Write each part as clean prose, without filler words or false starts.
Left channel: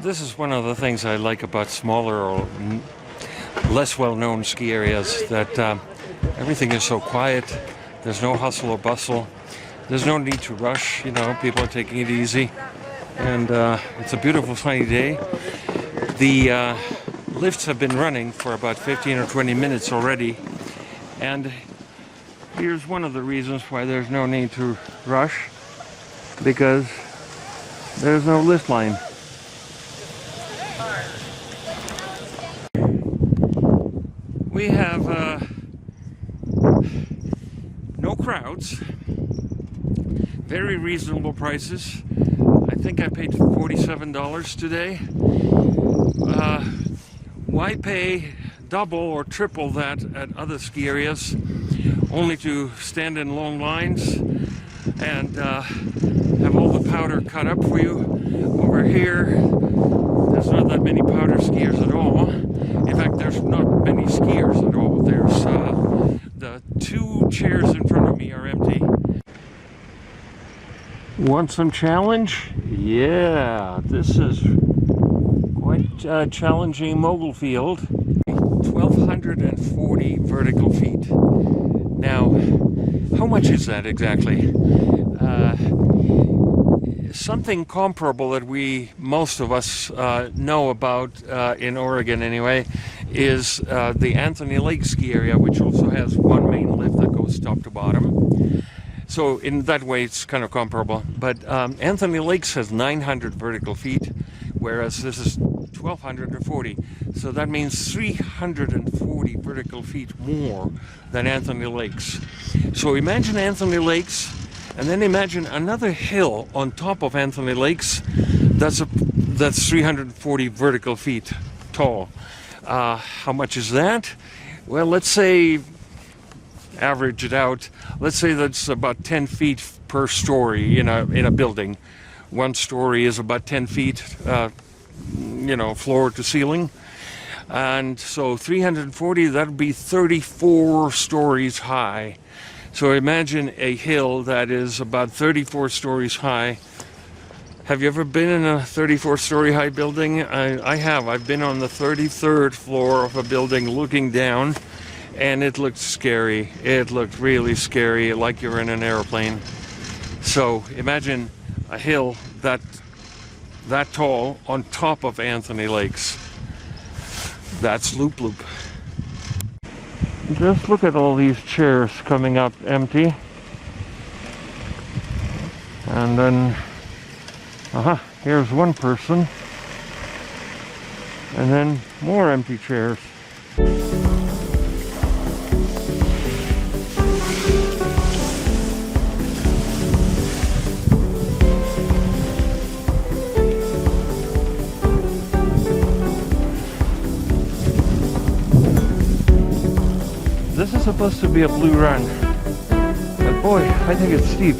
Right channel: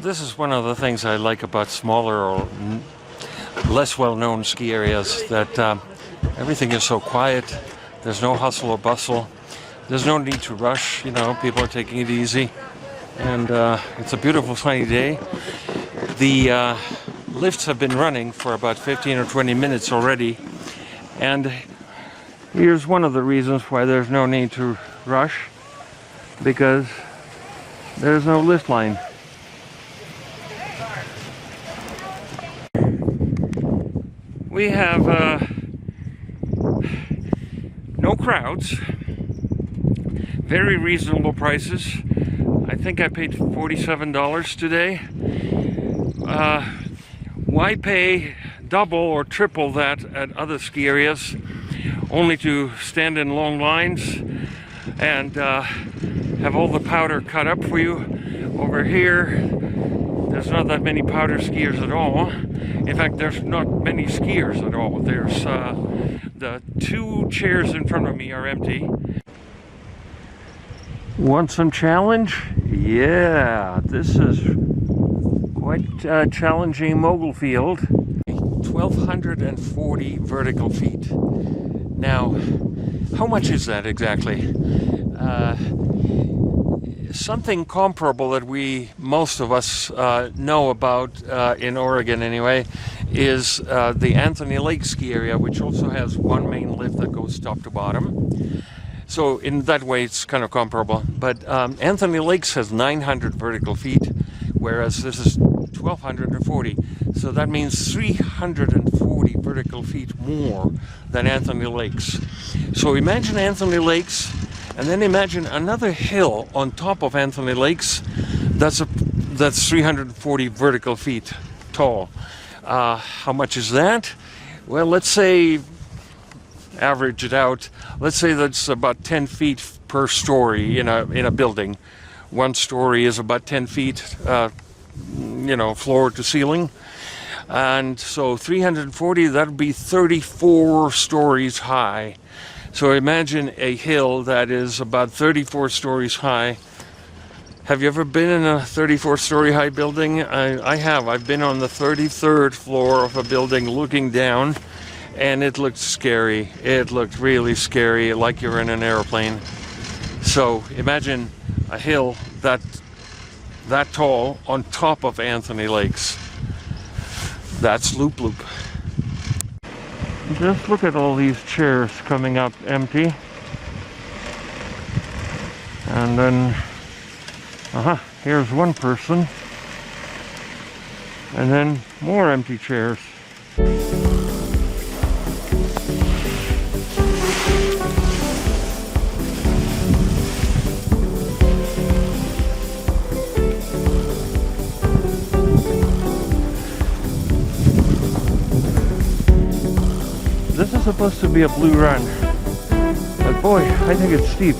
This is one of the things I like about smaller or less well-known ski areas, that everything is so quiet. There's no hustle or bustle. There's no need to rush, people are taking it easy. And it's a beautiful sunny day. The lifts have been running for about 15 or 20 minutes already. And here's one of the reasons why there's no need to rush, because there's no lift line. We have no crowds, very reasonable prices. I think I paid $47 today. Why pay double or triple that at other ski areas only to stand in long lines and have all the powder cut up for you? Over here, there's not that many powder skiers at all. In fact, there's not many skiers at all. There's the two chairs in front of me are empty. Want some challenge? Yeah, this is quite a challenging mogul field. 1,240 vertical feet. Now, how much is that exactly? Something comparable that most of us know about in Oregon anyway is the Anthony Lake ski area, which also has one main lift that goes top to bottom. So in that way it's kind of comparable. But Anthony Lakes has 900 vertical feet, whereas this is 1,240. So that means 340 vertical feet more than Anthony Lakes. So imagine Anthony Lakes, and then imagine another hill on top of Anthony Lakes that's 340 vertical feet tall. How much is that? Well, let's say, average it out, let's say that's about 10 feet per story in a building. One story is about 10 feet, floor to ceiling. And so 340, that would be 34 stories high. So imagine a hill that is about 34 stories high. Have you ever been in a 34-story high building? I have. I've been on the 33rd floor of a building looking down, and it looked scary. It looked really scary, like you're in an airplane. So imagine a hill that tall on top of Anthony Lakes. That's Loup Loup. Just look at all these chairs coming up empty. And then, here's one person. And then more empty chairs. This is supposed to be a blue run, but boy, I think it's steep.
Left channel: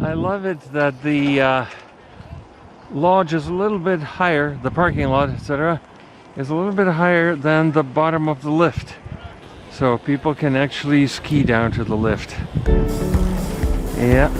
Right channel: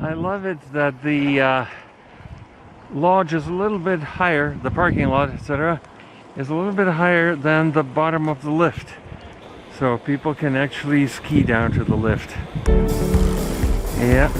I love it that the lodge is a little bit higher, the parking lot, etc., is a little bit higher than the bottom of the lift. So people can actually ski down to the lift. Yeah.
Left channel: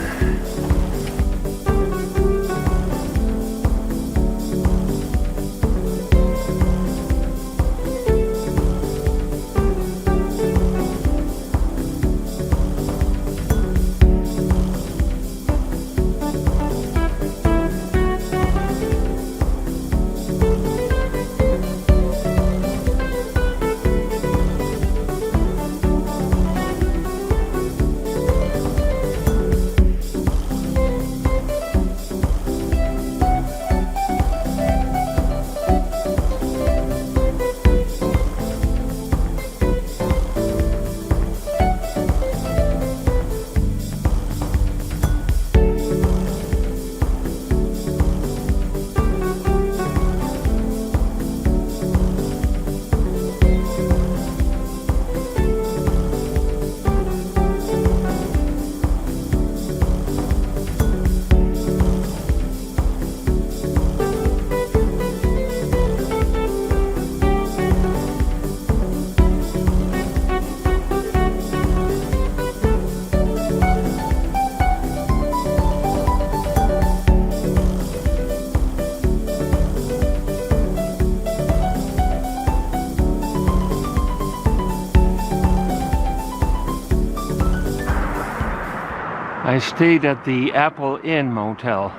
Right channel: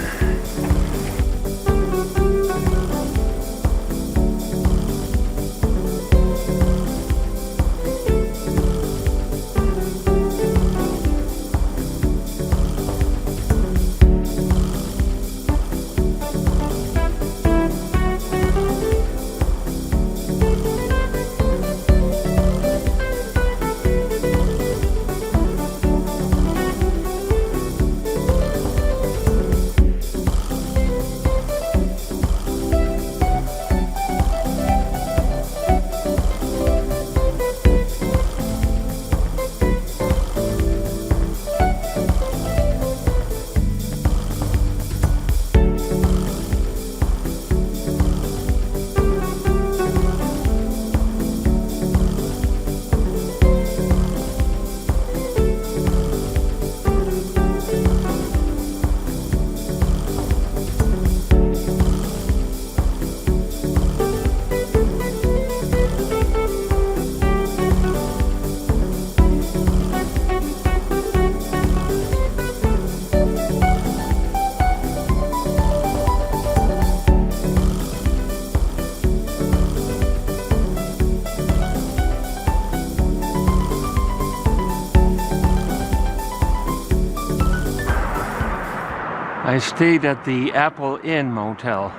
I stayed at the Apple Inn Motel.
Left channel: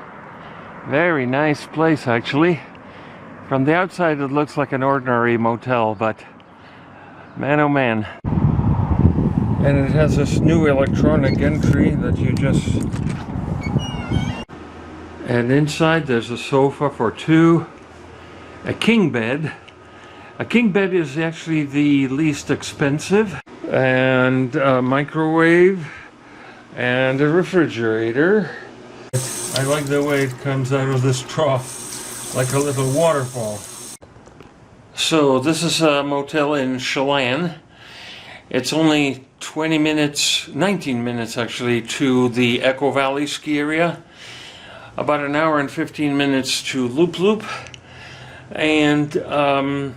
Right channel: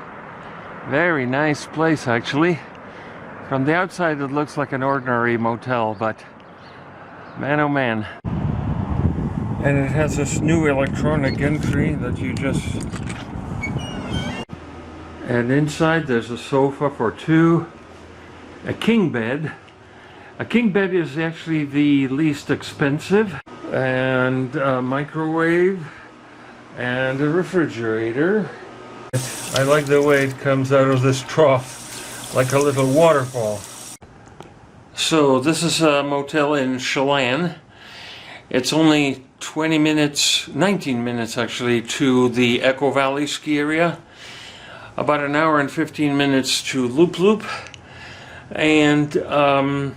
Very nice place, actually. From the outside it looks like an ordinary motel, but man oh man. And it has this new electronic entry that you just... And inside there's a sofa for two, a king bed. A king bed is actually the least expensive, and a microwave and a refrigerator. I like the way it comes out of this trough like a little waterfall. So this is a motel in Chelan. It's only 20 minutes, 19 minutes actually, to the Echo Valley ski area. About an hour and 15 minutes to Loup Loup. And about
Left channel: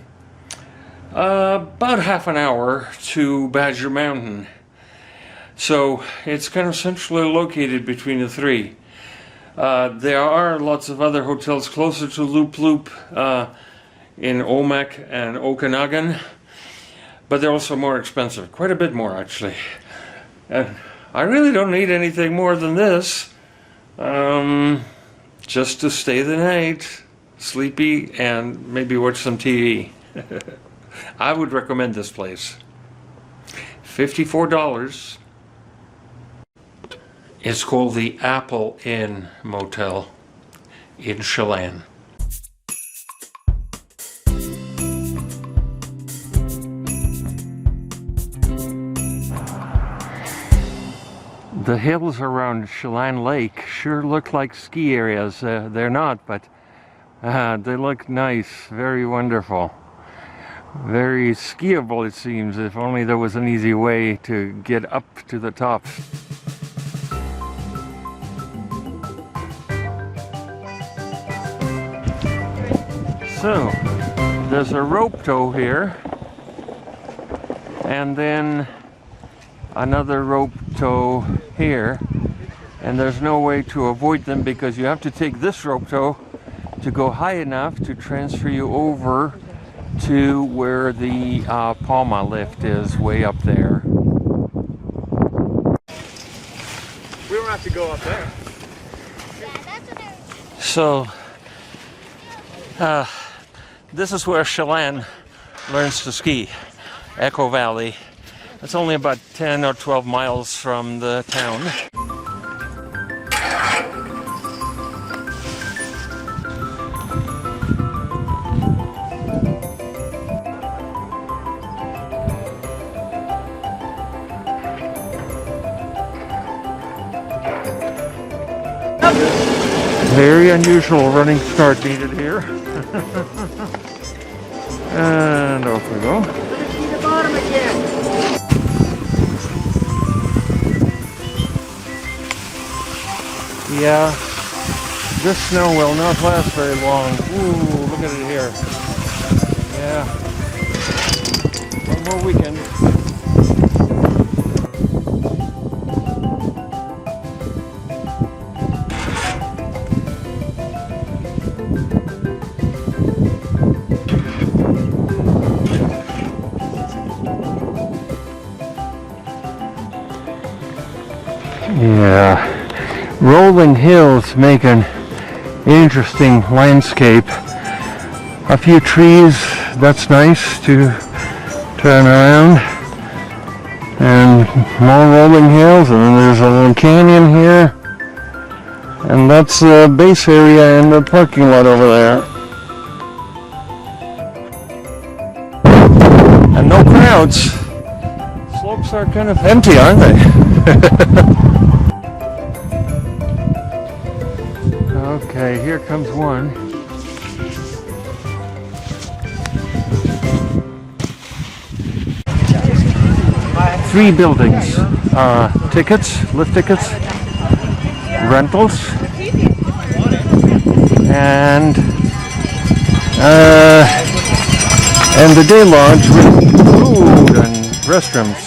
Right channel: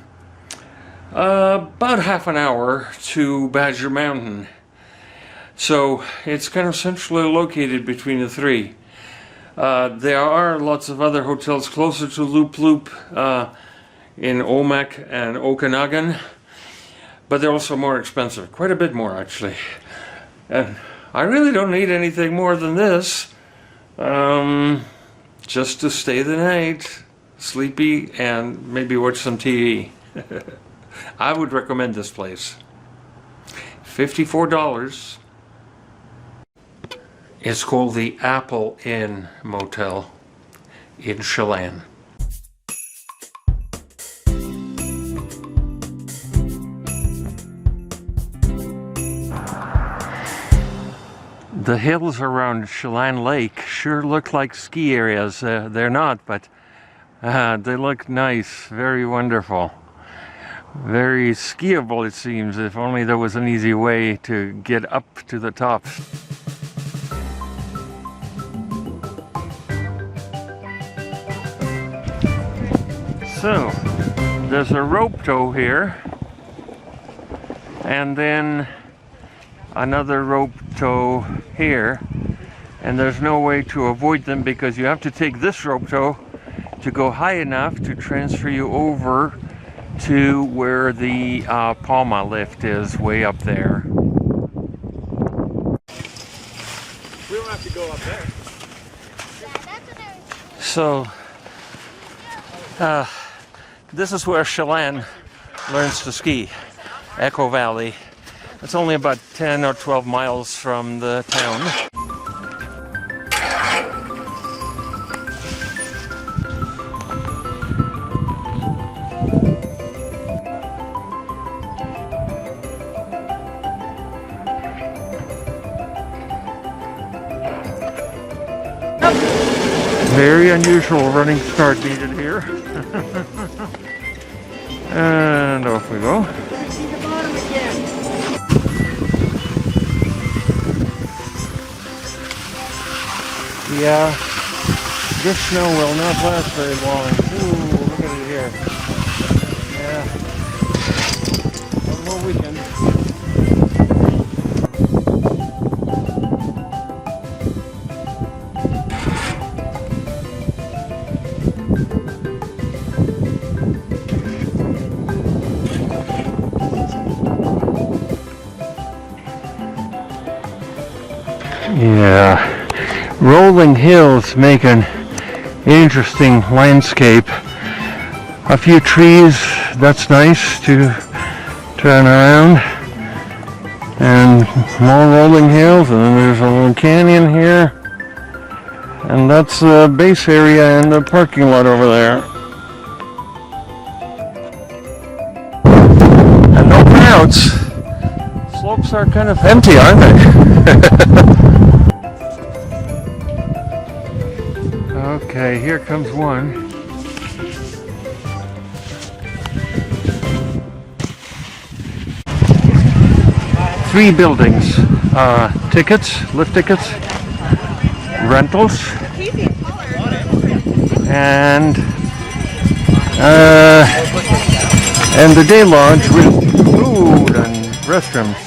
half an hour to Badger Mountain. So it's kind of centrally located between the three. There are lots of other hotels closer to Loup Loup in Omak and Okanagan, but they're also more expensive, quite a bit more actually. And I really don't need anything more than this, just to stay the night, sleepy, and maybe watch some TV. I would recommend this place. $54. It's called the Apple Inn Motel in Chelan. The hills around Chelan Lake sure look like ski areas. They're not, but they look nice, very wonderful. Very skiable, it seems, if only there was an easy way to get up to the top. So, there's a rope tow here, and then another rope tow here, and there's no way to avoid them because you have to take this rope tow to go high enough to transfer you over to where the Palma lift is, way up there. We don't have to go up there. So, this is where Chelan learns to ski, Echo Valley. It's only about 10 or 12 miles from the town. Very unusual running start needed here. And off we go. Yeah, this snow will not last very long. Ooh, look at it here. Yeah, one more weekend. Yeah. Rolling hills make an interesting landscape. A few trees, that's nice to turn around. And more rolling hills, and then there's a little canyon here. And that's the base area and the parking lot over there. And no crowds. Slopes are kind of empty, aren't they? Okay, here comes one. Three buildings. Tickets, lift tickets, rentals, and the day lodge with food and restrooms.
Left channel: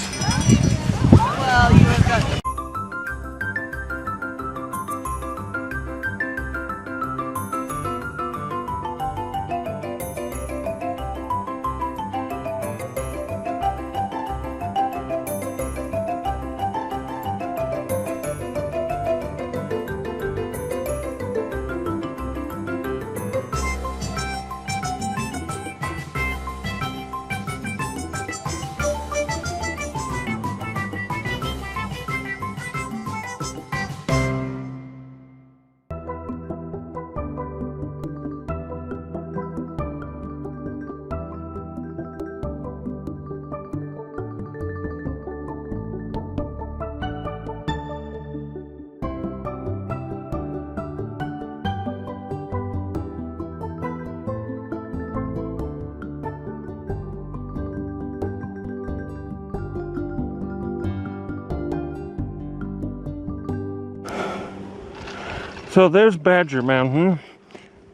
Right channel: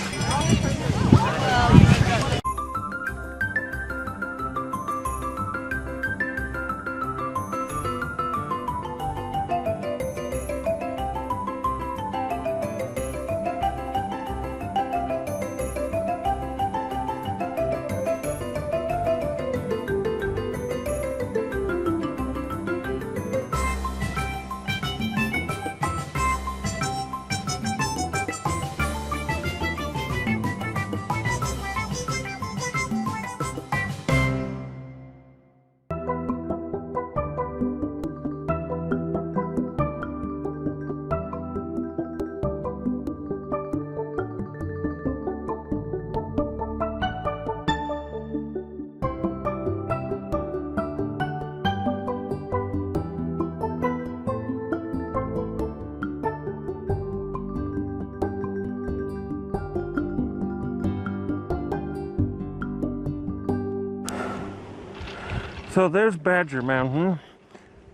So there's Badger Mountain.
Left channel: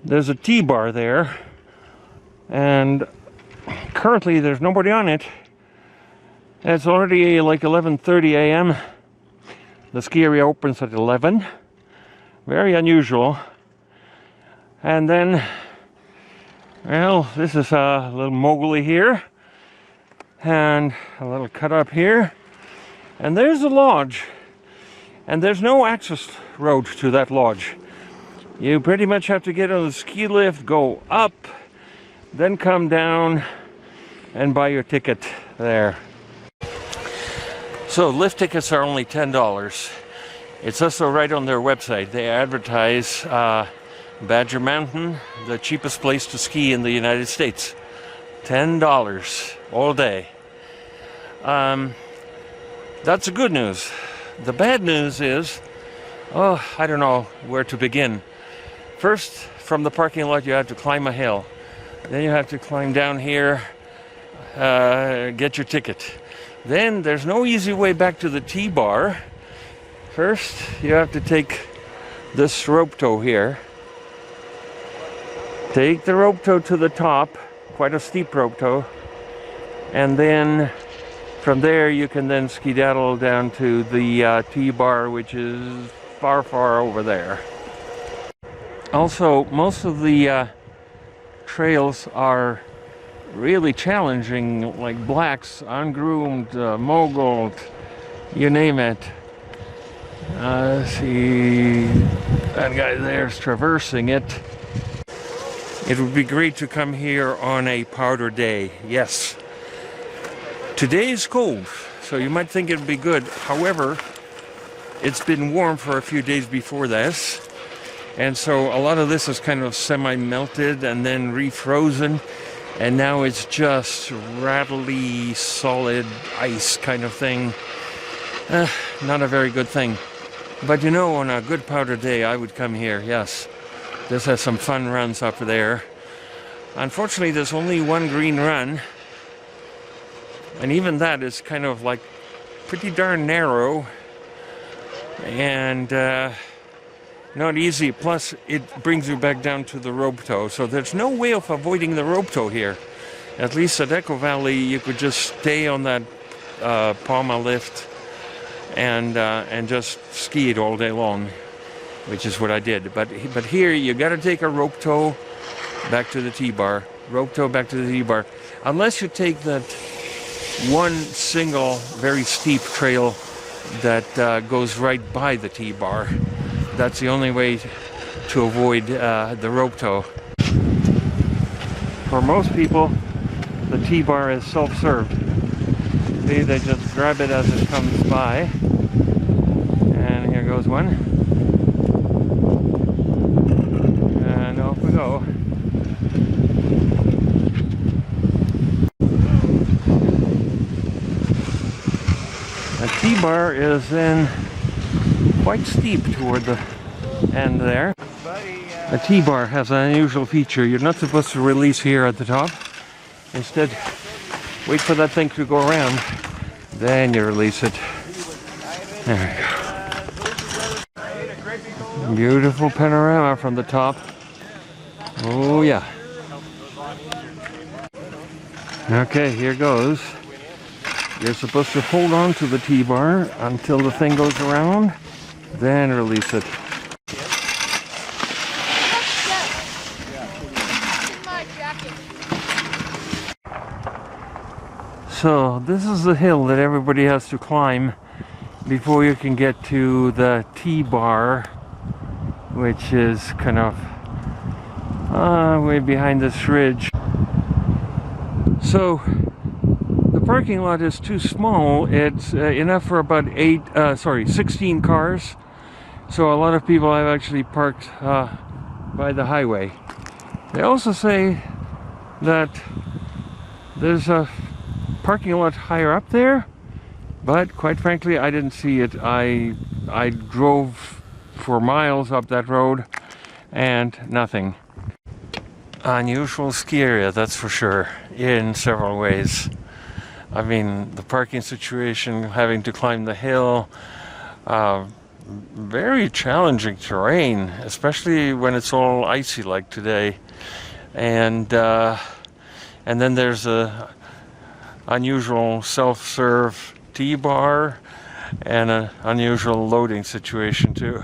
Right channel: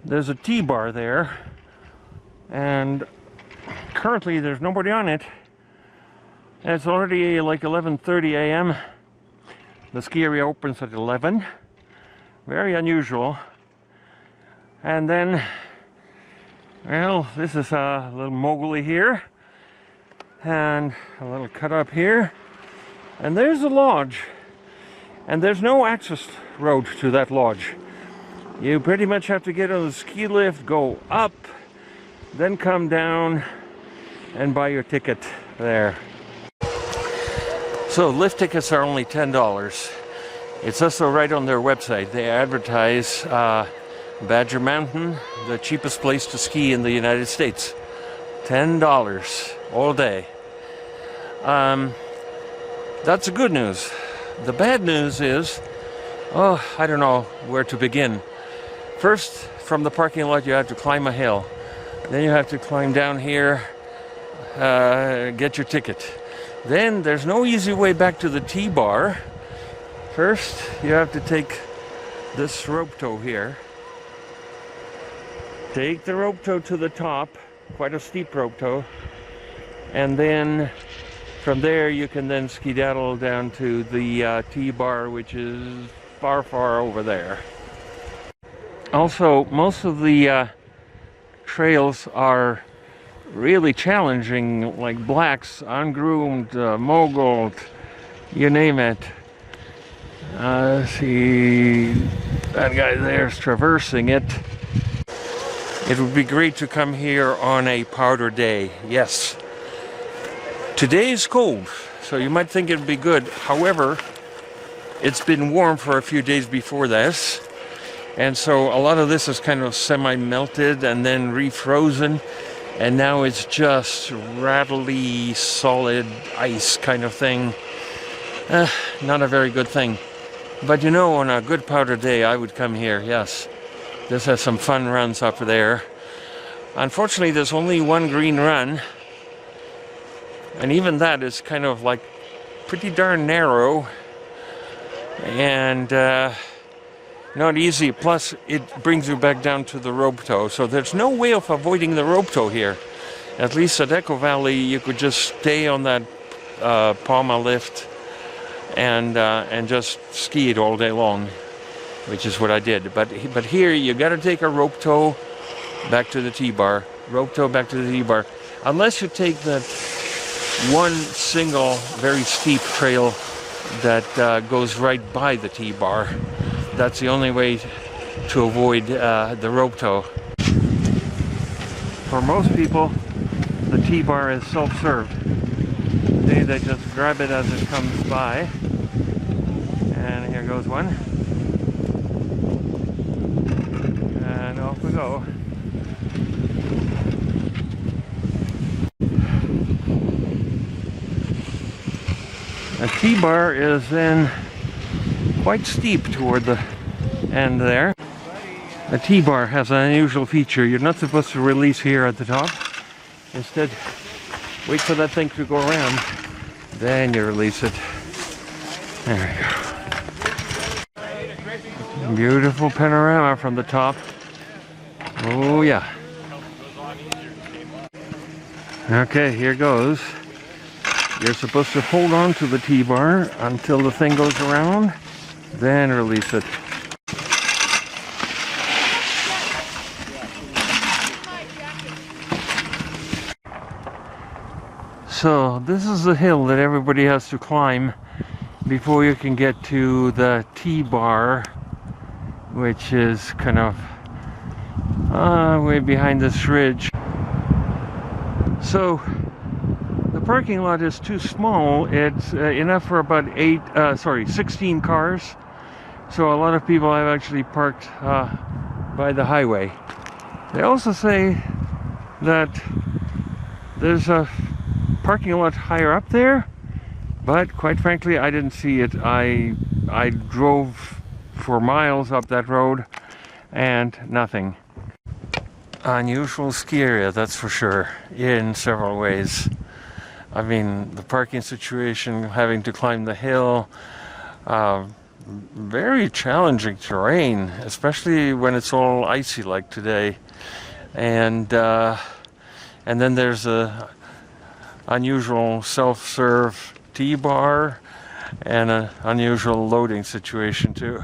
There's a T-bar there, and currently there's nobody on it. It's already like 11:30 a.m. The ski area opens at 11. Very unusual. And then, well, this is a little mogully here, and a little cut up here, and there's the lodge. And there's no access road to that lodge. You pretty much have to get on the ski lift, go up, then come down and buy your ticket there. So lift tickets are only $10. It's also right on their website. They advertise Badger Mountain, the cheapest place to ski in the United States. $10 all day. That's the good news. The bad news is, I don't know where to begin. First, from the parking lot, you have to climb a hill. Then you have to climb down here, get your ticket. Then there's no easy way back to the T-bar. First, you have to take this rope tow here. Take the rope tow to the top, quite a steep rope tow. And then from there, you can then skedaddle down to the T-bar, which is far, far over there. Also, most of the trails are really challenging, like blacks, ungroomed, moguled, you name it. See, that guy there's traversing it. It would be great to come here on a powder day, yes. Today is cold, so you might think it would be good. However, it's been warm for a few days before this, and so a lot of this is kind of semi-melted and then refrozen, and now it's just rattly, solid ice kind of thing. Not a very good thing. But you know, on a good powder day, I would come here, yes. This has some fun runs up there. Unfortunately, there's only one green run. And even that is kind of like pretty darn narrow and not easy. Plus, it brings you back down to the rope tow. So there's no way of avoiding the rope tow here. At least at Echo Valley, you could just stay on that Palma lift and just ski it all day long, which is what I did. But here, you got to take a rope tow back to the T-bar. Rope tow back to the T-bar. Unless you take that one single very steep trail that goes right by the T-bar. That's the only way to avoid the rope tow. For most people, the T-bar is self-served. See, they just grab it as it comes by. And here goes one. And off we go. The T-bar is then quite steep toward the end there. The T-bar has an unusual feature. You're not supposed to release here at the top. Instead, wait for that thing to go around. Then you release it. There we go. Beautiful panorama from the top. Oh yeah. Okay, here goes. You're supposed to hold on to the T-bar until the thing goes around, then release it. So this is the hill that everybody has to climb before you can get to the T-bar, which is kind of way behind this ridge. So the parking lot is too small. It's enough for about 16 cars. So a lot of people have actually parked by the highway. They also say that there's a parking lot higher up there, but quite frankly, I didn't see it. I drove for miles up that road and nothing. Unusual ski area, that's for sure, in several ways. I mean, the parking situation, having to climb the hill, very challenging terrain, especially when it's all icy like today. And then there's a unusual self-serve tea bar and an unusual loading situation too.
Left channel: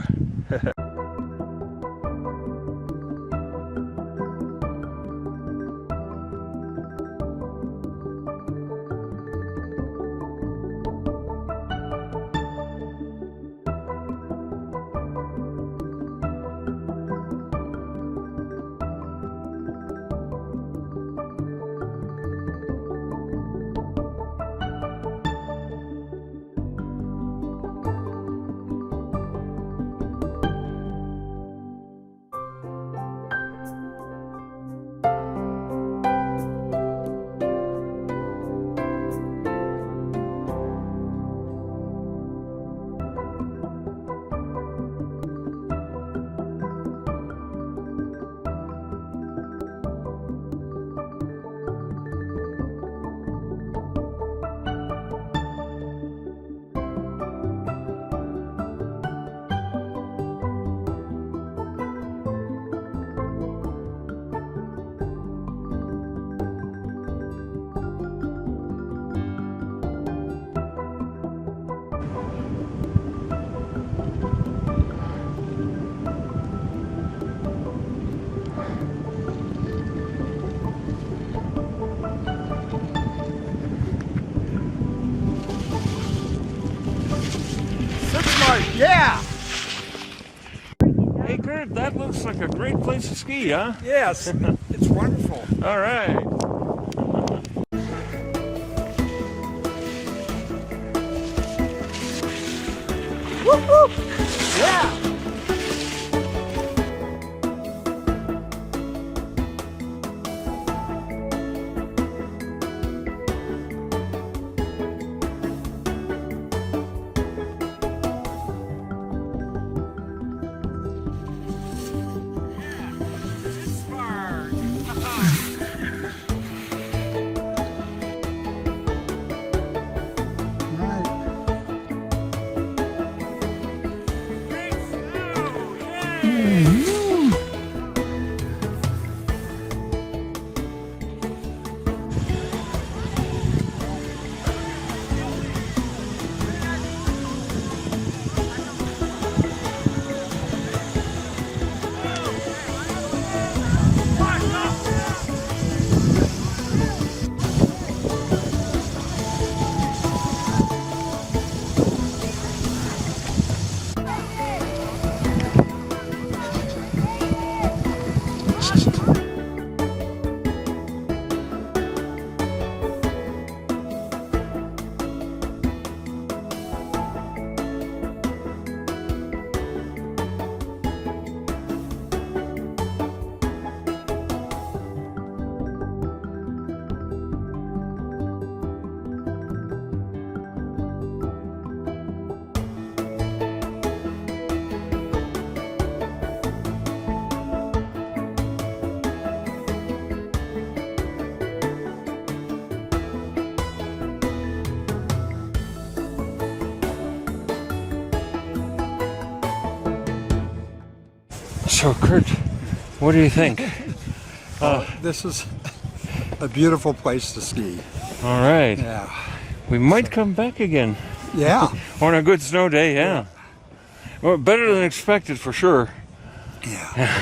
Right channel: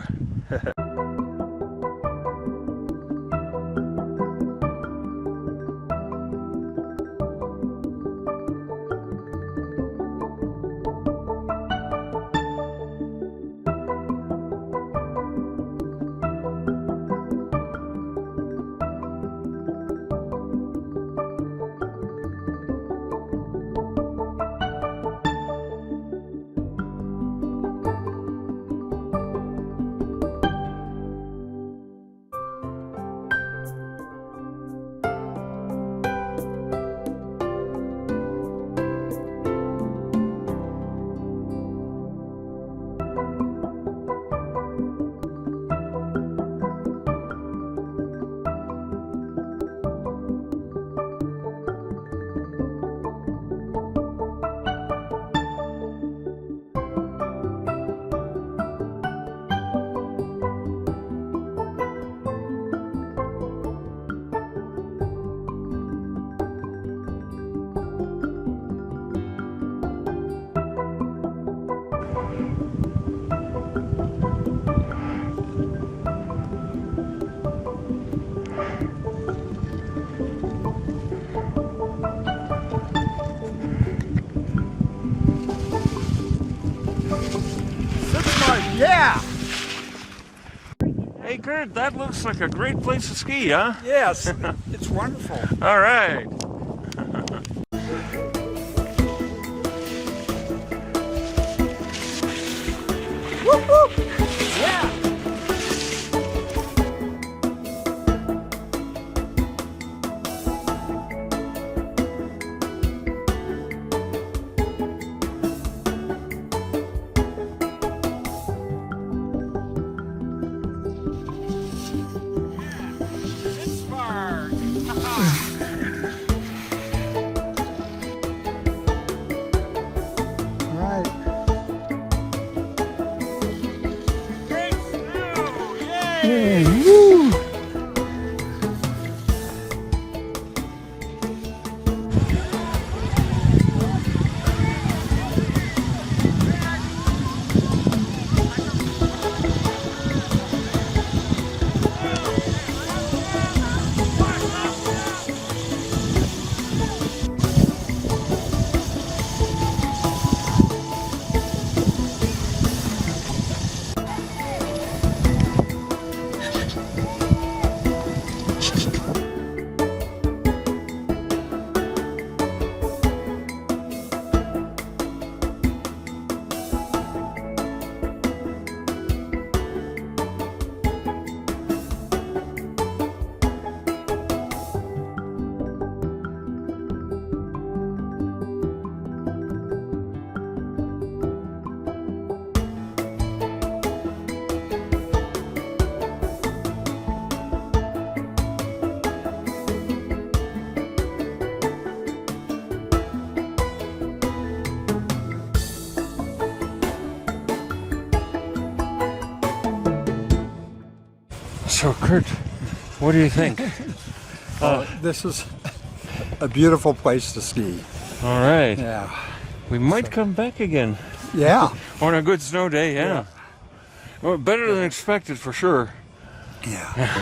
Sitzmark, yeah! Hey Kurt, that looks like a great place to ski, huh? Yes, it's wonderful. All right. Whoop, whoop. Yeah! So Kurt, what do you think? This is a beautiful place to ski. All right. Yeah. We might come back again. Yeah. On a good snow day, yeah. Well, better than expected for sure. Yeah.